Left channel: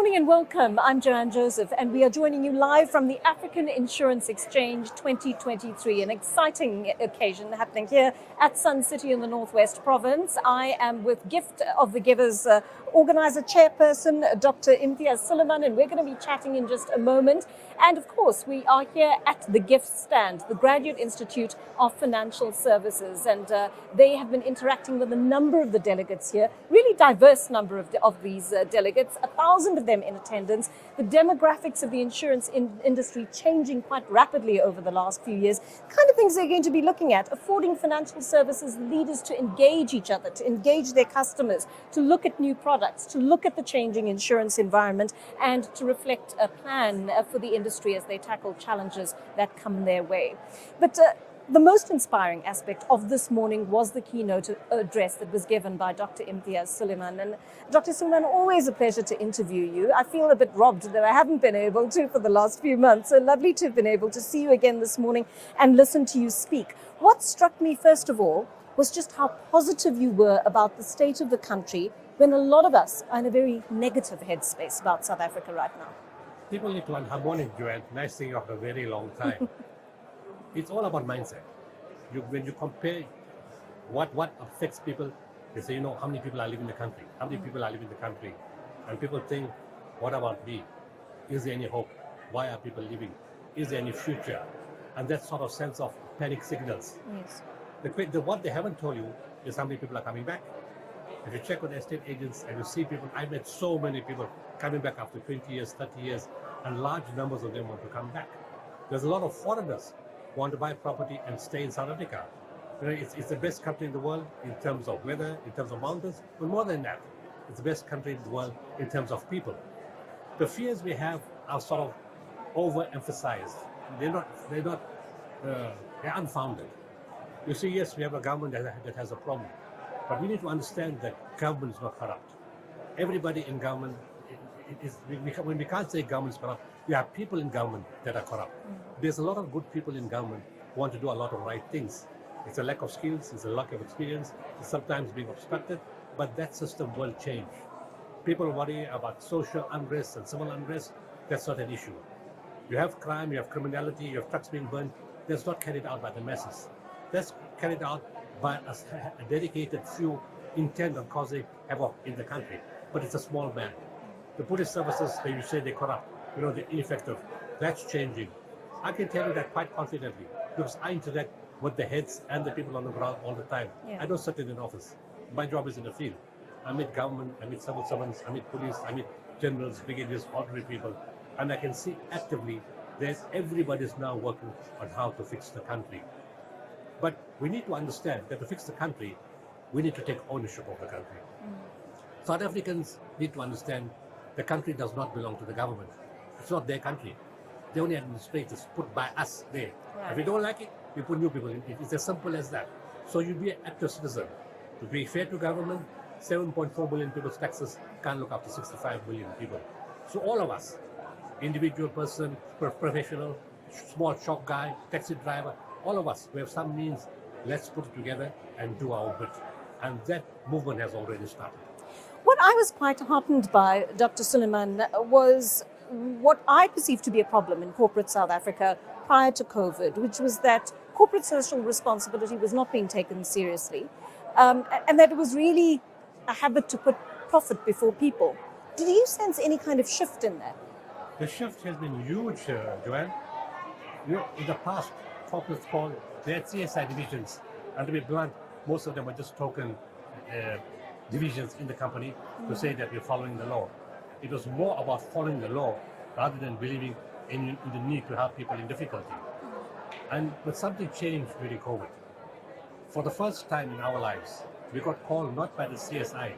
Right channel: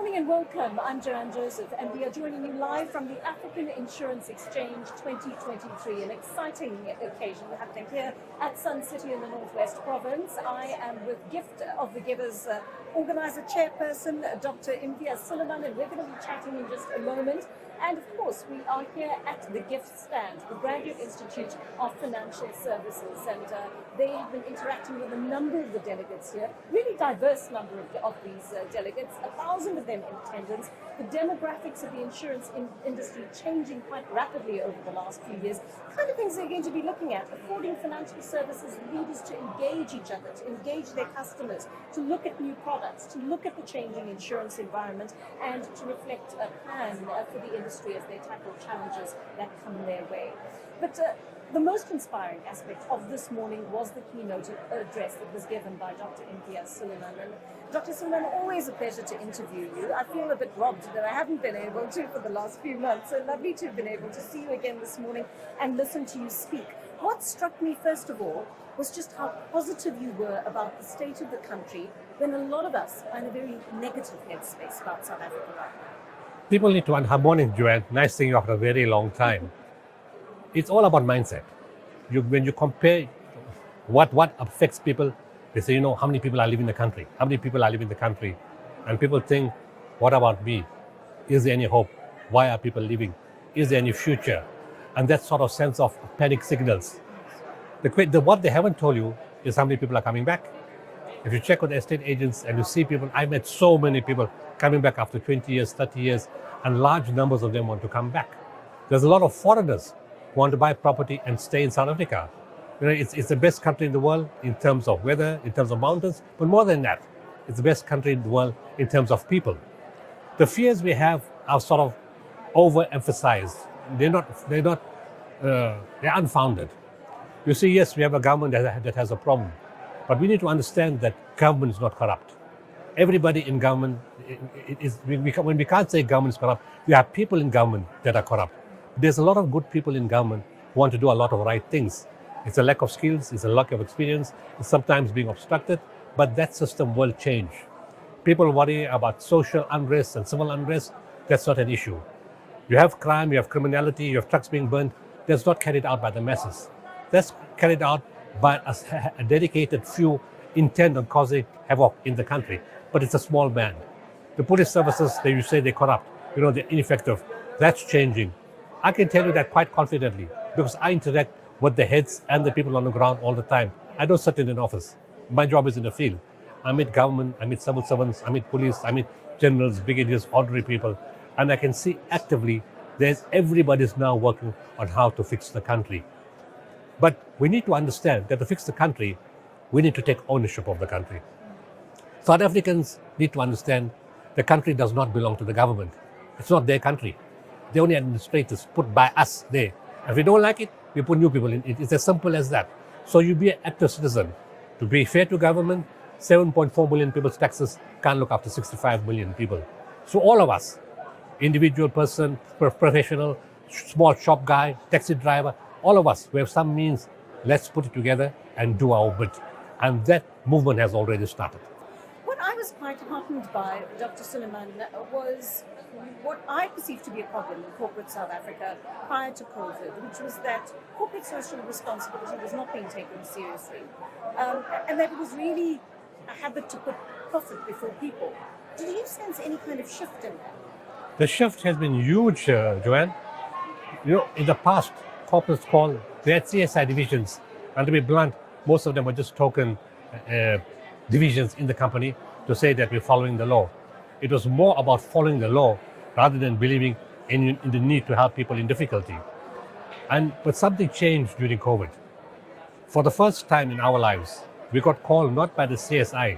morning and welcome. I'm Joanne Joseph and we are joining you live from the African Insurance Exchange 2023, an exciting occasion happening here at Sun City in the Northwest Province. I am with Gift of the Givers organizer chairperson, Dr. Imtiaz Sooliman, and we're going to be chatting in just a moment. And of course, we are here at the Gift Stand, the Graduate Institute of Financial Services, and they have been interacting with a number of the delegates here, really diverse number of these delegates, 1,000 of them in attendance. The demographics of the insurance industry changing quite rapidly over the last few years. Kind of things they're going to be looking at, affording financial services leaders to engage each other, to engage their customers, to look at new products, to look at the changing insurance environment, and to reflect a plan for the industry as they tackle challenges that come their way. But the most inspiring aspect of this morning was the keynote address that was given by Dr. Imtiaz Sooliman. And Dr. Sooliman, always a pleasure to interview you. I feel a bit robbed that I haven't been able to for the last few months. So lovely to have been able to see you again this morning and listen to you speak. What struck me first of all was just how positive you were about the state of the country when a lot of us are in a very negative headspace about South Africa right now. People need to harmonic, Joanne. Nice seeing you after a very long time. It's all about mindset. When you compare what affects people, they say, how many people are living in the country? How many people are living in the country? And people think, what about me? Is there any hope? Why are people leaving? Is there any future? And that sort of sense of panic signals. Yes. What they haven't told you is how many people are coming back. If you check with estate agents and you see people, I met so many people coming back after 20 years, 30 years, and large numbers of them want to come back. There's a lot of foreigners who want to buy property and stay in South Africa. It's the best country in the world in terms of weather, in terms of mountains, but more than that, it's the best country in the world in terms of people. The fears we have are sort of overemphasized. They're unfounded. You see, yes, we have a government that has a problem, but we need to understand that government is not corrupt. Everybody in government when we can't say government is corrupt, we have people in government that are corrupt. There's a lot of good people in government who want to do a lot of right things. It's a lack of skills, it's a lack of experience, it's sometimes being obstructed, but that system will change. People worry about social unrest and civil unrest. That's not an issue. You have crime, you have criminality, you have trucks being burned. That's not carried out by the masses. That's carried out by a dedicated few intent on causing havoc in the country. But it's a small band. The police services, you say they're corrupt, they're ineffective. That's changing. I can tell you that quite confidently because I interact with the heads and the people on the ground all the time. Yeah. I don't sit in an office. My job is in the field. I meet government, I meet civil servants, I meet police, I meet generals, brigadiers, ordinary people. And I can see actively everybody's now working on how to fix the country. But we need to understand that to fix the country, we need to take ownership of the country. South Africans need to understand the country does not belong to the government. It's not their country. They're only administrators put by us there. If we don't like it, we put new people in it. It's as simple as that. So you be an active citizen. To be fair to government, 7.4 million people's taxes can't look after 65 million people. So all of us, individual person, professional, small shop guy, taxi driver, all of us, we have some means, let's put it together and do our bit. And that movement has already started. What I was quite heartened by, Dr. Sooliman, was what I perceived to be a problem in corporate South Africa prior to COVID, which was that corporate social responsibility was not being taken seriously, and that it was really a habit to put profit before people. Did you sense any kind of shift in that? The shift has been huge, Joanne. In the past, corporates they had CSI divisions, and to be blunt, most of them were just token divisions in the company to say that we're following the law. It was more about following the law rather than believing in the need to help people in difficulty. But something changed during COVID. For the first time in our lives, we got called not by the CSI,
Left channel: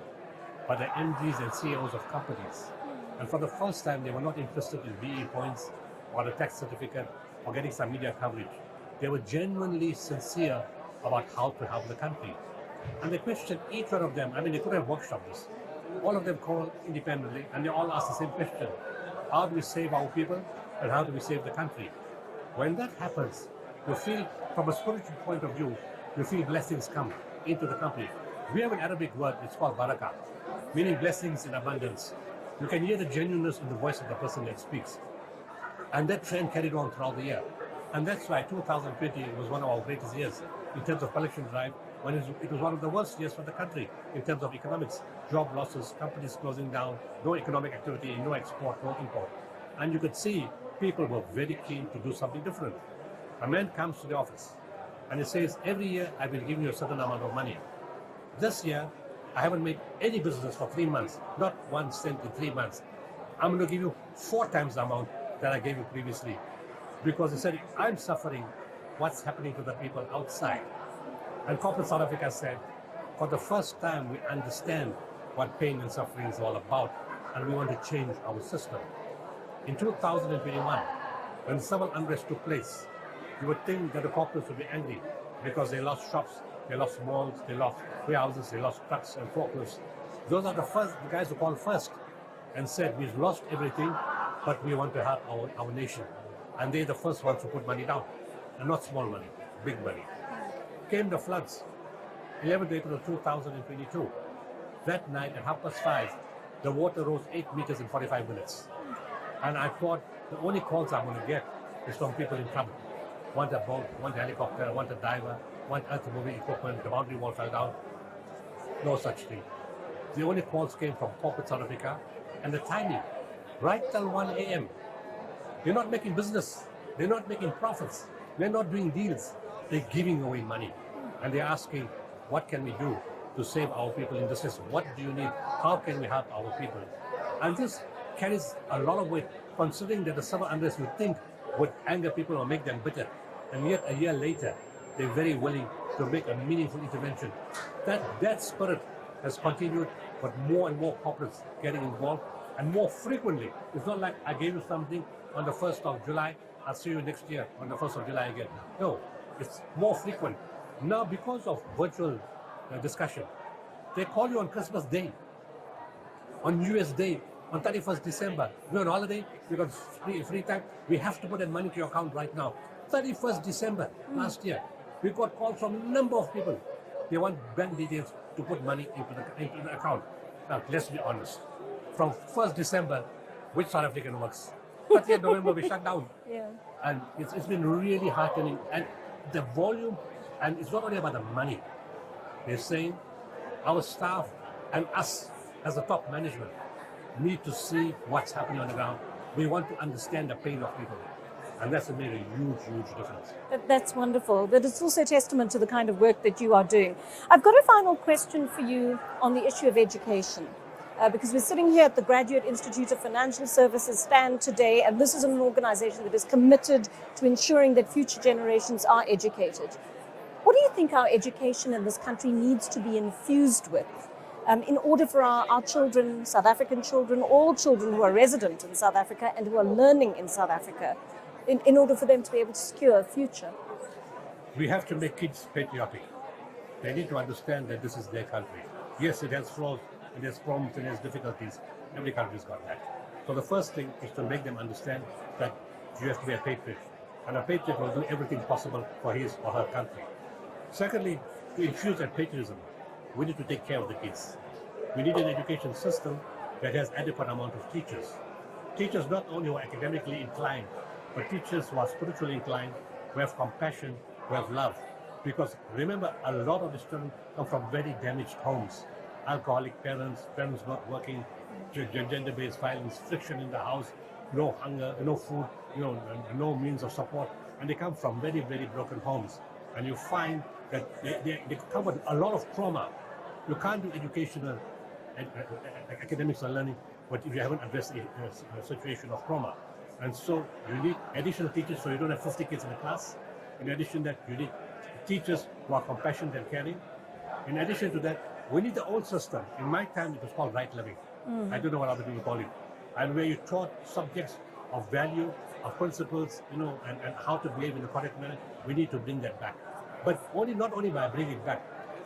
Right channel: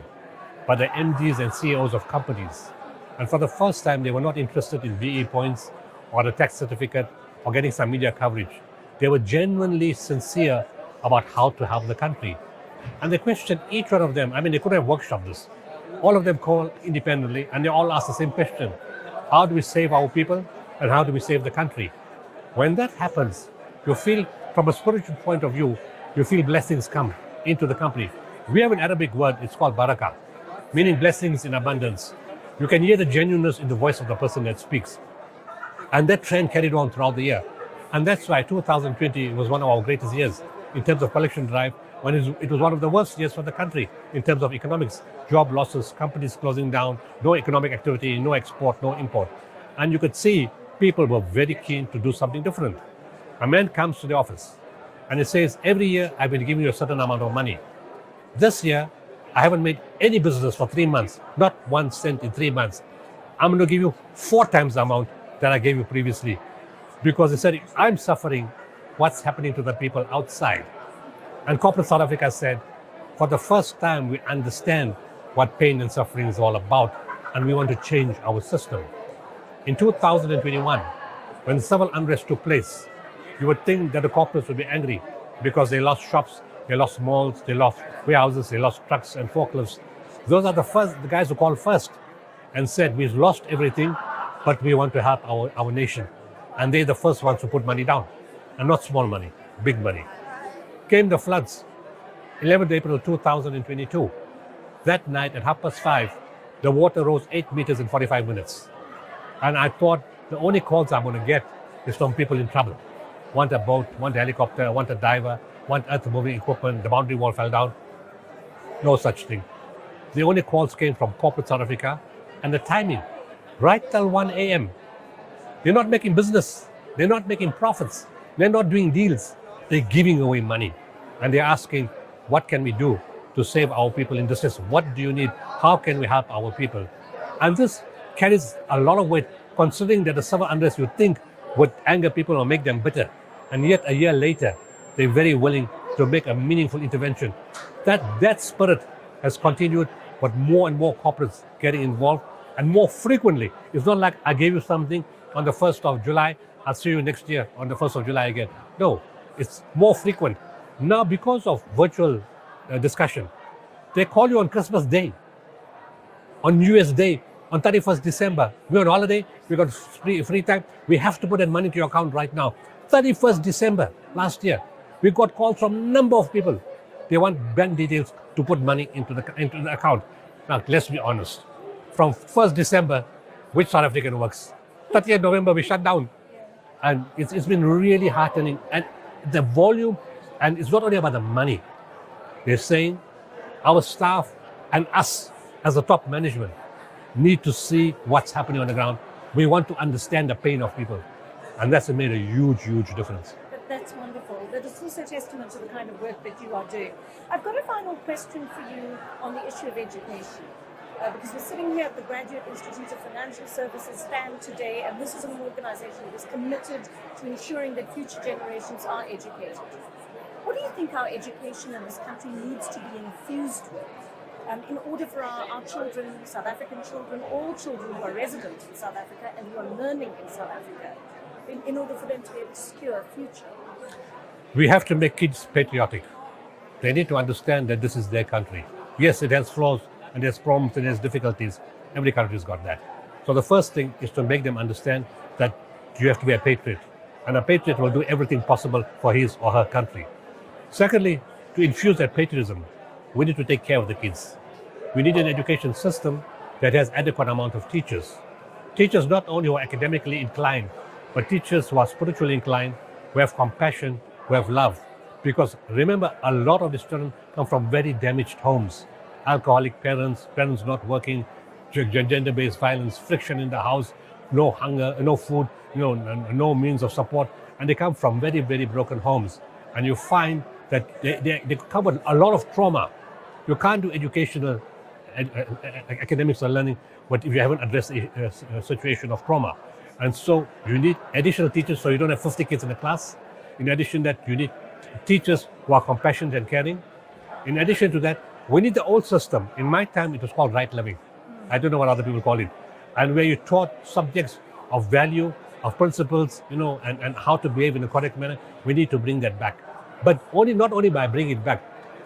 but the MDs and CEOs of companies. And for the first time, they were not interested in VE points or the tax certificate or getting some media coverage. They were genuinely sincere about how to help the country. And they questioned each one of them. They could have workshopped this. All of them called independently and they all asked the same question. How do we save our people and how do we save the country? When that happens, you feel, from a spiritual point of view, you feel blessings come into the company. We have an Arabic word, it's called barakah, meaning blessings in abundance. You can hear the genuineness in the voice of the person that speaks. And that trend carried on throughout the year. And that's why 2020 was one of our greatest years in terms of collection drive, when it was one of the worst years for the country in terms of economics. Job losses, companies closing down, no economic activity, no export, no import. And you could see people were very keen to do something different. A man comes to the office and he says, every year I've been giving you a certain amount of money. This year, I haven't made any business for 3 months, not 1 cent in 3 months. I'm going to give you 4 times the amount that I gave you previously. Because he said, I'm suffering what's happening to the people outside. And corporate South Africa said, for the first time, we understand what pain and suffering is all about, and we want to change our system. In 2021, when civil unrest took place, you would think that the corporates would be angry because they lost shops, they lost malls, they lost warehouses, they lost trucks and forklifts. Those are the guys who called first and said, we've lost everything, but we want to help our nation. And they're the first ones to put money down, and not small money, big money. Came the floods, 11th April 2022. That night at 5:30, the water rose 8 meters in 45 minutes. And I thought the only calls I'm going to get is from people in trouble. Want a boat, want a helicopter, want a diver, want earth-moving equipment, the boundary wall fell down. No such thing. The only calls came from corporate South Africa, and the timing, right till 1 a.m. They're not making business. They're not making profits. They're not doing deals. They're giving away money. And they're asking, what can we do to save our people in distress? What do you need? How can we help our people? And this carries a lot of weight, considering that the civil unrest you think would anger people or make them bitter. And yet a year later, they're very willing to make a meaningful intervention. That spirit has continued, but more and more corporates getting involved, and more frequently. It's not like I gave you something on the 1st of July, I'll see you next year on the 1st of July again. No, it's more frequent. Now, because of virtual discussion, they call you on Christmas Day, on New Year's Day, on 31st December. We're on holiday, we got free time. We have to put that money to your account right now. 31st December last year, we got calls from a number of people. They want bank details to put money into the account. Now, let's be honest. From 1st December, which South African works? 30th November, we shut down. Yeah. And it's been really heartening. And the volume, and it's not only about the money. They're saying our staff and us as the top management need to see what's happening on the ground. We want to understand the pain of people. And that's made a huge, huge difference. That's wonderful. But it's also a testament to the kind of work that you are doing. I've got a final question for you on the issue of education. Because we're sitting here at the Graduate Institute of Financial Services stand today, and this is an organization that is committed to ensuring that future generations are educated. What do you think our education in this country needs to be infused with in order for our children, South African children, all children who are resident in South Africa and who are learning in South Africa, in order for them to be able to secure a future? We have to make kids patriotic. They need to understand that this is their country. Yes, it has flaws, and there's problems and there's difficulties. Every country's got that. So the first thing is to make them understand that you have to be a patriot. And a patriot will do everything possible for his or her country. Secondly, to infuse that patriotism, we need to take care of the kids. We need an education system that has adequate amount of teachers. Teachers not only who are academically inclined, but teachers who are spiritually inclined, who have compassion, who have love. Because remember, a lot of these children come from very damaged homes. Alcoholic parents, parents not working, gender-based violence, friction in the house, no hunger, no food, no means of support. And they come from very, very broken homes. And you find that they cover a lot of trauma. You can't do educational academics or learning, but if you haven't addressed a situation of trauma. And so you need additional teachers so you don't have 50 kids in a class. In addition to that, you need teachers who are compassionate and caring. In addition to that, we need the old system. In my time, it was called right living. I don't know what other people call it. And where you taught subjects of value, of principles, and how to behave in a correct manner. We need to bring that back. But not only by bringing it back,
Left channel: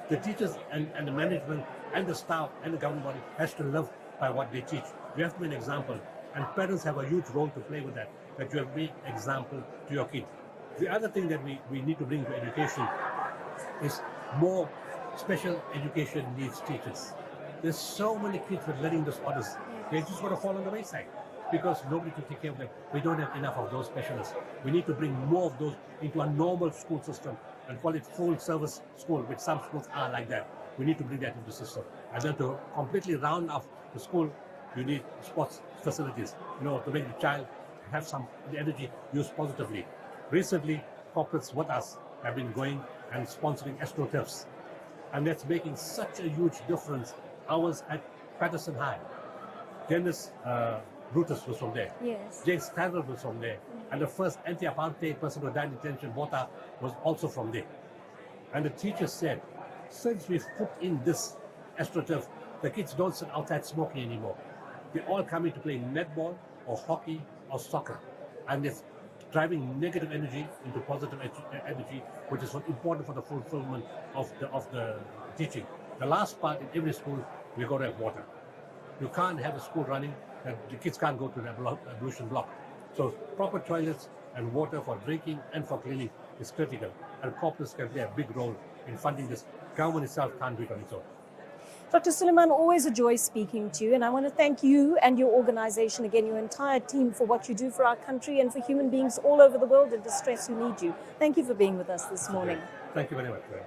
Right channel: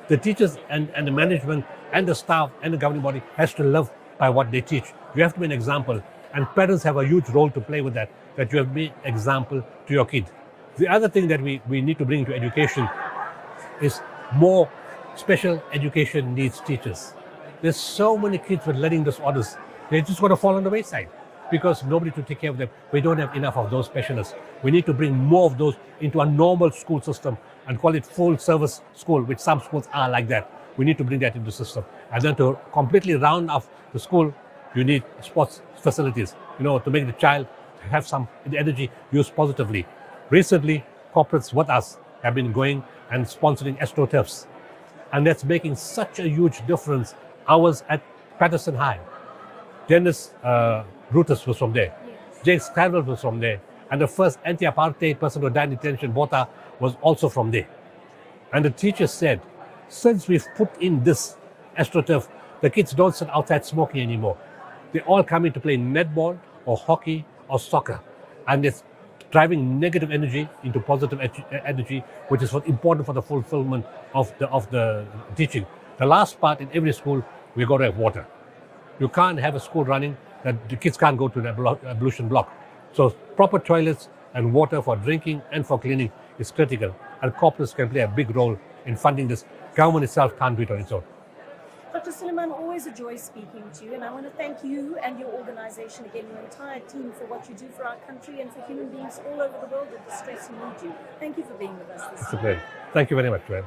the teachers and the management and the staff and the governing body has to live by what they teach. You have to be an example. And parents have a huge role to play with that you have been an example to your kid. The other thing that we need to bring to education is more special education needs teachers. There's so many kids with learning disorders they're just going to fall on the wayside because nobody to take care of them. We don't have enough of those specialists. We need to bring more of those into a normal school system and call it full service school, which some schools are like that. We need to bring that into the system. And then to completely round off the school, you need sports facilities, to make the child have some energy used positively. Recently, corporates with us have been going and sponsoring AstroTurfs. And that's making such a huge difference. Ours at Patterson High. Dennis Brutus was from there. Yes. James Carroll was from there. And the first anti-apartheid person who died in detention, Botha, was also from there. And the teacher said, since we've put in this AstroTurf, the kids don't sit outside smoking anymore. They all come in to play netball or hockey or soccer. And it's driving negative energy into positive energy, which is important for the fulfillment of the teaching. The last part, in every school, we've got to have water. You can't have a school running that the kids can't go to the ablution block. So proper toilets and water for drinking and for cleaning is critical. And corporates can play a big role in funding this. Government itself can't do it on its own. Dr. Sooliman, always a joy speaking to you, and I want to thank you and your organization, again, your entire team, for what you do for our country and for human beings all over the world in distress who need you. Thank you for being with us this morning. Thank you very much, Joanne.